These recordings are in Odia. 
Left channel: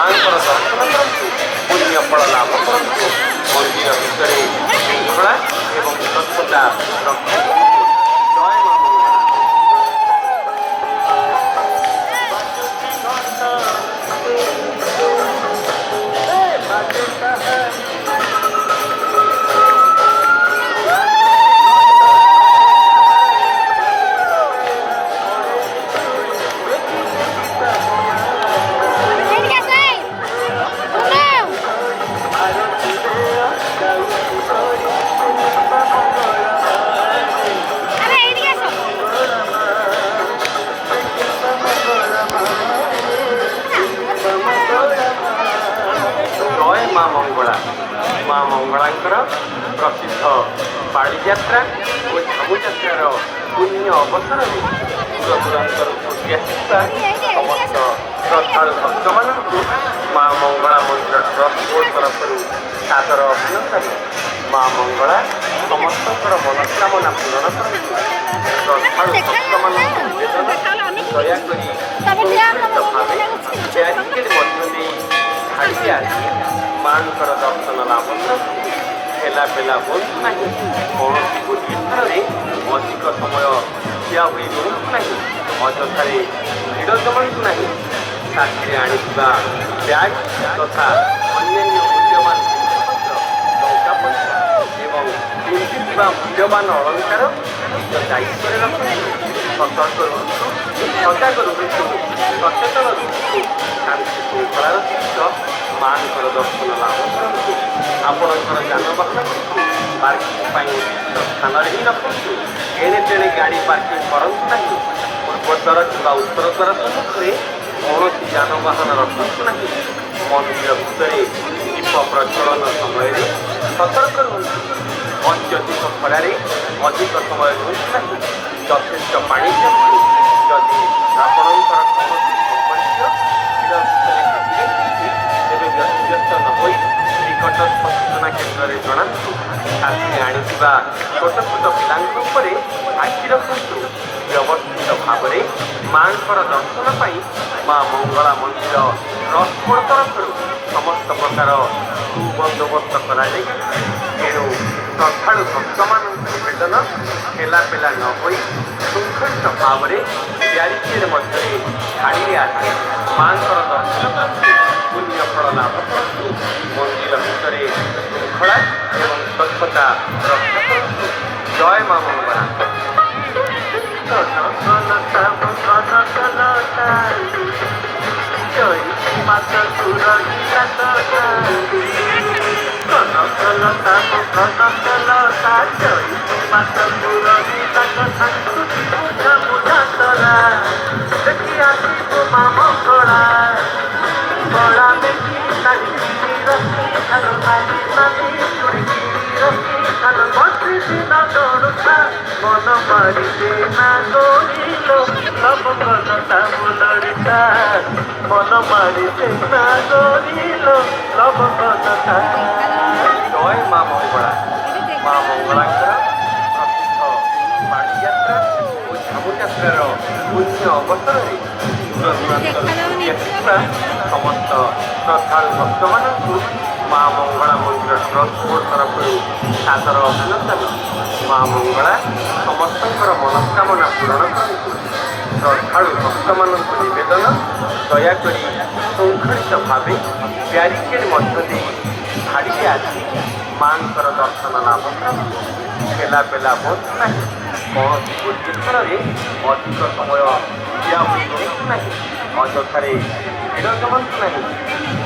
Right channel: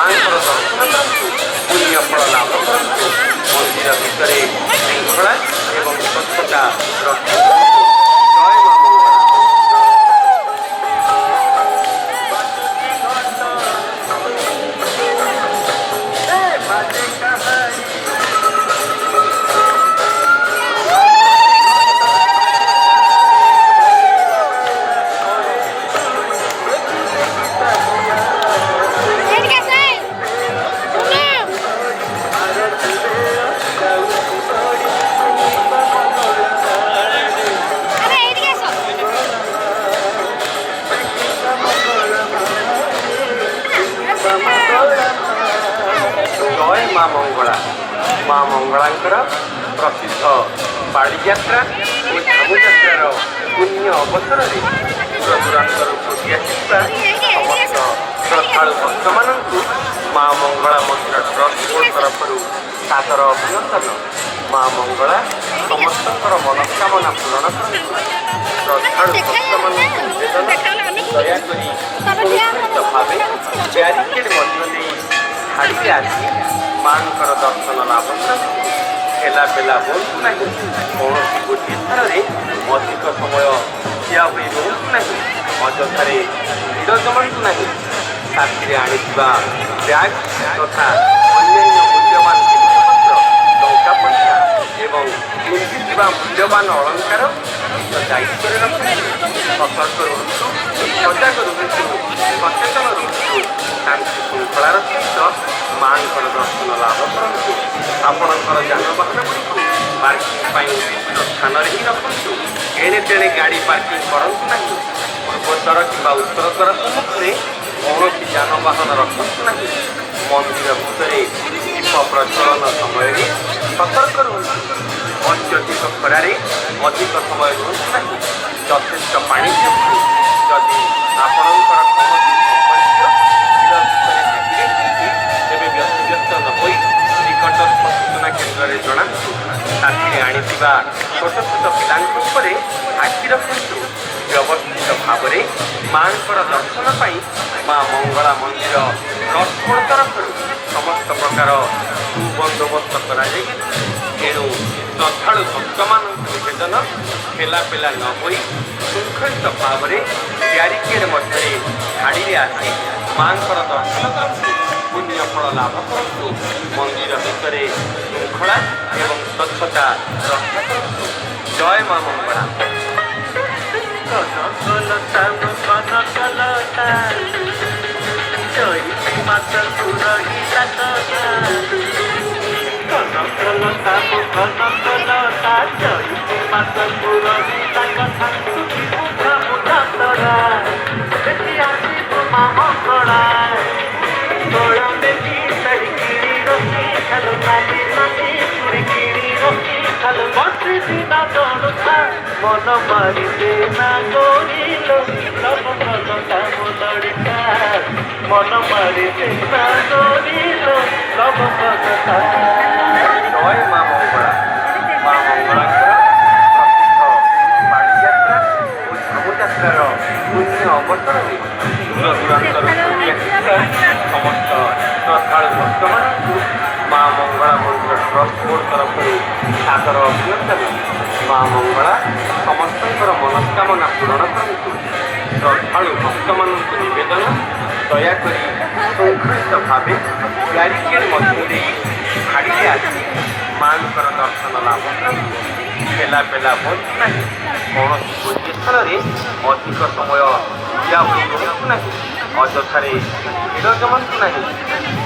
ମାଙ୍କର ଦର୍ଶନ କରନ୍ତୁ, ପୁଣ୍ୟ ଫଳ ଲାଭ କରନ୍ତୁ। ମନ୍ଦିର ଭିତରେ ଶୃଙ୍ଖଳା ଏବଂ ସ୍ୱଚ୍ଛତା ରକ୍ଷା କରନ୍ତୁ। ଜୟ ମା ମଙ୍ଗଳା। জয় মা মঙ্গলা। মা মঙ্গলাঙ্কর প্রসিদ্ধ বাড়িযাত্রা ও ঝামুযাত্রার পুণ্য অবসରରେ দূର ଦୂରାନ୍ତରୁ ଛୁଟି ଆସିଥିବା ସମସ୍ତ ଶ୍ରଦ୍ଧାଳୁ ଭକ୍ତମାନଙ୍କୁ ମା ମଙ୍ଗଳା ମନ୍ଦିର ଟ୍ରଷ୍ଟ ବୋର୍ଡ ତରଫରୁ ସାଦର ଅଭିନନ୍ଦନ। ମା ମଙ୍ଗଳା ସମସ୍ତଙ୍କର ମନସ୍କାମନା ପୂରଣ କରନ୍ତୁ। ଶ୍ରଦ୍ଧାଳୁ ଭକ୍ତମାନଙ୍କୁ ନିବେଦନ, ଦୟାକରି ସୁନିଶ୍ଚିତ ଭାବେ ବ୍ୟାରିକେଡ୍ ମଧ୍ୟ ଦେଇ ଛାଡ଼ିକି ଆସି ମାଙ୍କର ଦର୍ଶନ ଲାଭ କରନ୍ତୁ। ଠେଲା ପେଲା ବନ୍ଦ ନାହିଁ। କୌଣସି ଗୋଟିଏ ଥରରେ ଅଧିକ ସମୟ ଠିଆ ହୋଇ ରୁହନ୍ତୁ ନାହିଁ। ଅଯଥାରେ ଭିଡ଼ ଜମାନ୍ତୁ ନାହିଁ। ସାଥିରେ ଆଣିଥିବା ବ୍ୟାଗ୍ ତଥା ଅନ୍ୟାନ୍ୟ ମୂଲ୍ୟବାନ ଜିନିଷପତ୍ର, ଟଙ୍କା ପଇସା ଏବଂ ପିନ୍ଧିଥିବା ମୂଲ୍ୟବାନ ଅଳଙ୍କାର ନିଜ ଦାୟିତ୍ୱରେ ରଖନ୍ତୁ। ସତର୍କ ରୁହନ୍ତୁ, ସଜାଗ ରୁହନ୍ତୁ, ସଚେତନ ରୁହନ୍ତୁ। ଶାନ୍ତି ଶୃଙ୍ଖଳାର ସହିତ ମାଙ୍କର ଦର୍ଶନ ଲାଭ କରନ୍ତୁ। ଆପଣଙ୍କର ଯାନବାହନଗୁଡ଼ିକୁ ପାର୍କିଂ ପାଇଁ ଉଚିତ ସ୍ଥାନରେ ହିଁ ରଖନ୍ତୁ। ଏଣେ ତେଣେ ଗାଡ଼ି ପାର୍କିଂ କରନ୍ତୁ ନାହିଁ। ପୂର୍ବୋତ୍ତର କିମ୍ବା ଉତ୍ତରୋତ୍ତର ସମ୍ମୁଖରେ କୌଣସି ଯାନବାହନ ରଖନ୍ତୁ ନାହିଁ। ମନ୍ଦିର ଭିତରେ ଦୀପ ପ୍ରଜ୍ୱଳନ ସମୟରେ ସତର୍କ ରୁହନ୍ତୁ। ଅତ୍ୟଧିକ ଖରାରେ ଅଧିକ ସମୟ ରୁହନ୍ତୁ ନାହିଁ। ଯଥେଷ୍ଟ ପାଣି ପିଅନ୍ତୁ। ଯଦି ଆପଣଙ୍କର କୌଣସି ସମ୍ପର୍କୀୟ ଭିଡ଼ ଭିତରେ ଦେଖିବେ ତେବେ ବ୍ୟତିବ୍ୟସ୍ତ ନ ହୋଇ ନିକଟସ୍ଥ ସୂଚନା କେନ୍ଦ୍ରରେ ଜଣାନ୍ତୁ। ସାଥିରେ ଆଣିଥିବା ଛୋଟ ଛୋଟ ପିଲାଙ୍କ ଉପରେ ଆଖି ରଖନ୍ତୁ। ବ୍ୟବସ୍ଥିତ ଭାବରେ ମାଙ୍କର ଦର୍ଶନ ପାଇଁ ମା ମଙ୍ଗଳା ମନ୍ଦିର ଟ୍ରଷ୍ଟ ବୋର୍ଡ ତରଫରୁ ସମସ୍ତ ପ୍ରକାର ସୁବନ୍ଦୋବସ୍ତ କରାଯାଇଛି। ଏଣୁ ଶ୍ରଦ୍ଧାଳୁ ଭକ୍ତମାନଙ୍କୁ ନିବେଦନ, ଠେଲା ପେଲା ନ ହୋଇ ଶୃଙ୍ଖଳିତ ଭାବରେ ବ୍ୟାରିକେଡ୍ ମଧ୍ୟରେ ଛାଡ଼ିରେ ଆସି ମାଙ୍କର ଦର୍ଶନ କରନ୍ତୁ। ପୁଣ୍ୟ ଫଳ ଲାଭ କରନ୍ତୁ। ମନ୍ଦିର ଭିତରେ ଶୃଙ୍ଖଳା ଏବଂ ସ୍ୱଚ୍ଛତା ରକ୍ଷା କରନ୍ତୁ। ଜୟ ମା ମଙ୍ଗଳା। মন মারিতে না গরিল লব কথা মুদরিতা মন মারিতে না গরিল লব কথা। জয় মা মঙ্গলা। মা মঙ্গলাঙ্কর প্রসিদ্ধ বাড়িযাত্রা ও ঝামুযাত্রার পুণ্য ଅବସରରେ ଦୂର ଦୂରାନ୍ତରୁ ଛୁଟି ଆସିଥିବା ସମସ୍ତ ଶ୍ରଦ୍ଧାଳୁ ଭକ୍ତମାନଙ୍କୁ ମା ମଙ୍ଗଳା ମନ୍ଦିର ଟ୍ରଷ୍ଟ ବୋର୍ଡ ତରଫରୁ ସାଦର ଅଭିନନ୍ଦନ। ମା ମଙ୍ଗଳା ସମସ୍ତଙ୍କର ମନସ୍କାମନା ପୂରଣ କରନ୍ତୁ। ଶ୍ରଦ୍ଧାଳୁ ଭକ୍ତମାନଙ୍କୁ ନିବେଦନ, ଦୟାକରି ଶୃଙ୍ଖଳିତ ଭାବେ ବ୍ୟାରିକେଡ୍ ମଧ୍ୟ ଦେଇ ଛାଡ଼ିରେ ଆସି ମାଙ୍କର ଦର୍ଶନ ଲାଭ କରନ୍ତୁ। ଠେଲା ପେଲା ବନ୍ଦ ନାହିଁ। କୌଣସି ଗୋଟିଏ ସ୍ଥାନରେ ଅଧିକ ସମୟ ଠିଆ ହୋଇ ରୁହନ୍ତୁ ନାହିଁ। ଅଯଥାରେ ଭିଡ଼ ଜମାନ୍ତୁ ନାହିଁ।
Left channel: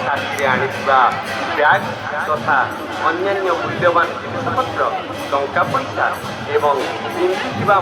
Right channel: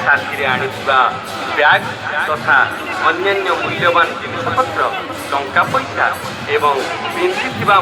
ସାଥିରେ ଆଣିଥିବା ବ୍ୟାଗ୍ ତଥା ଅନ୍ୟାନ୍ୟ ମୂଲ୍ୟବାନ ଜିନିଷପତ୍ର, ଟଙ୍କା ପଇସା ଏବଂ ପିନ୍ଧିଥିବା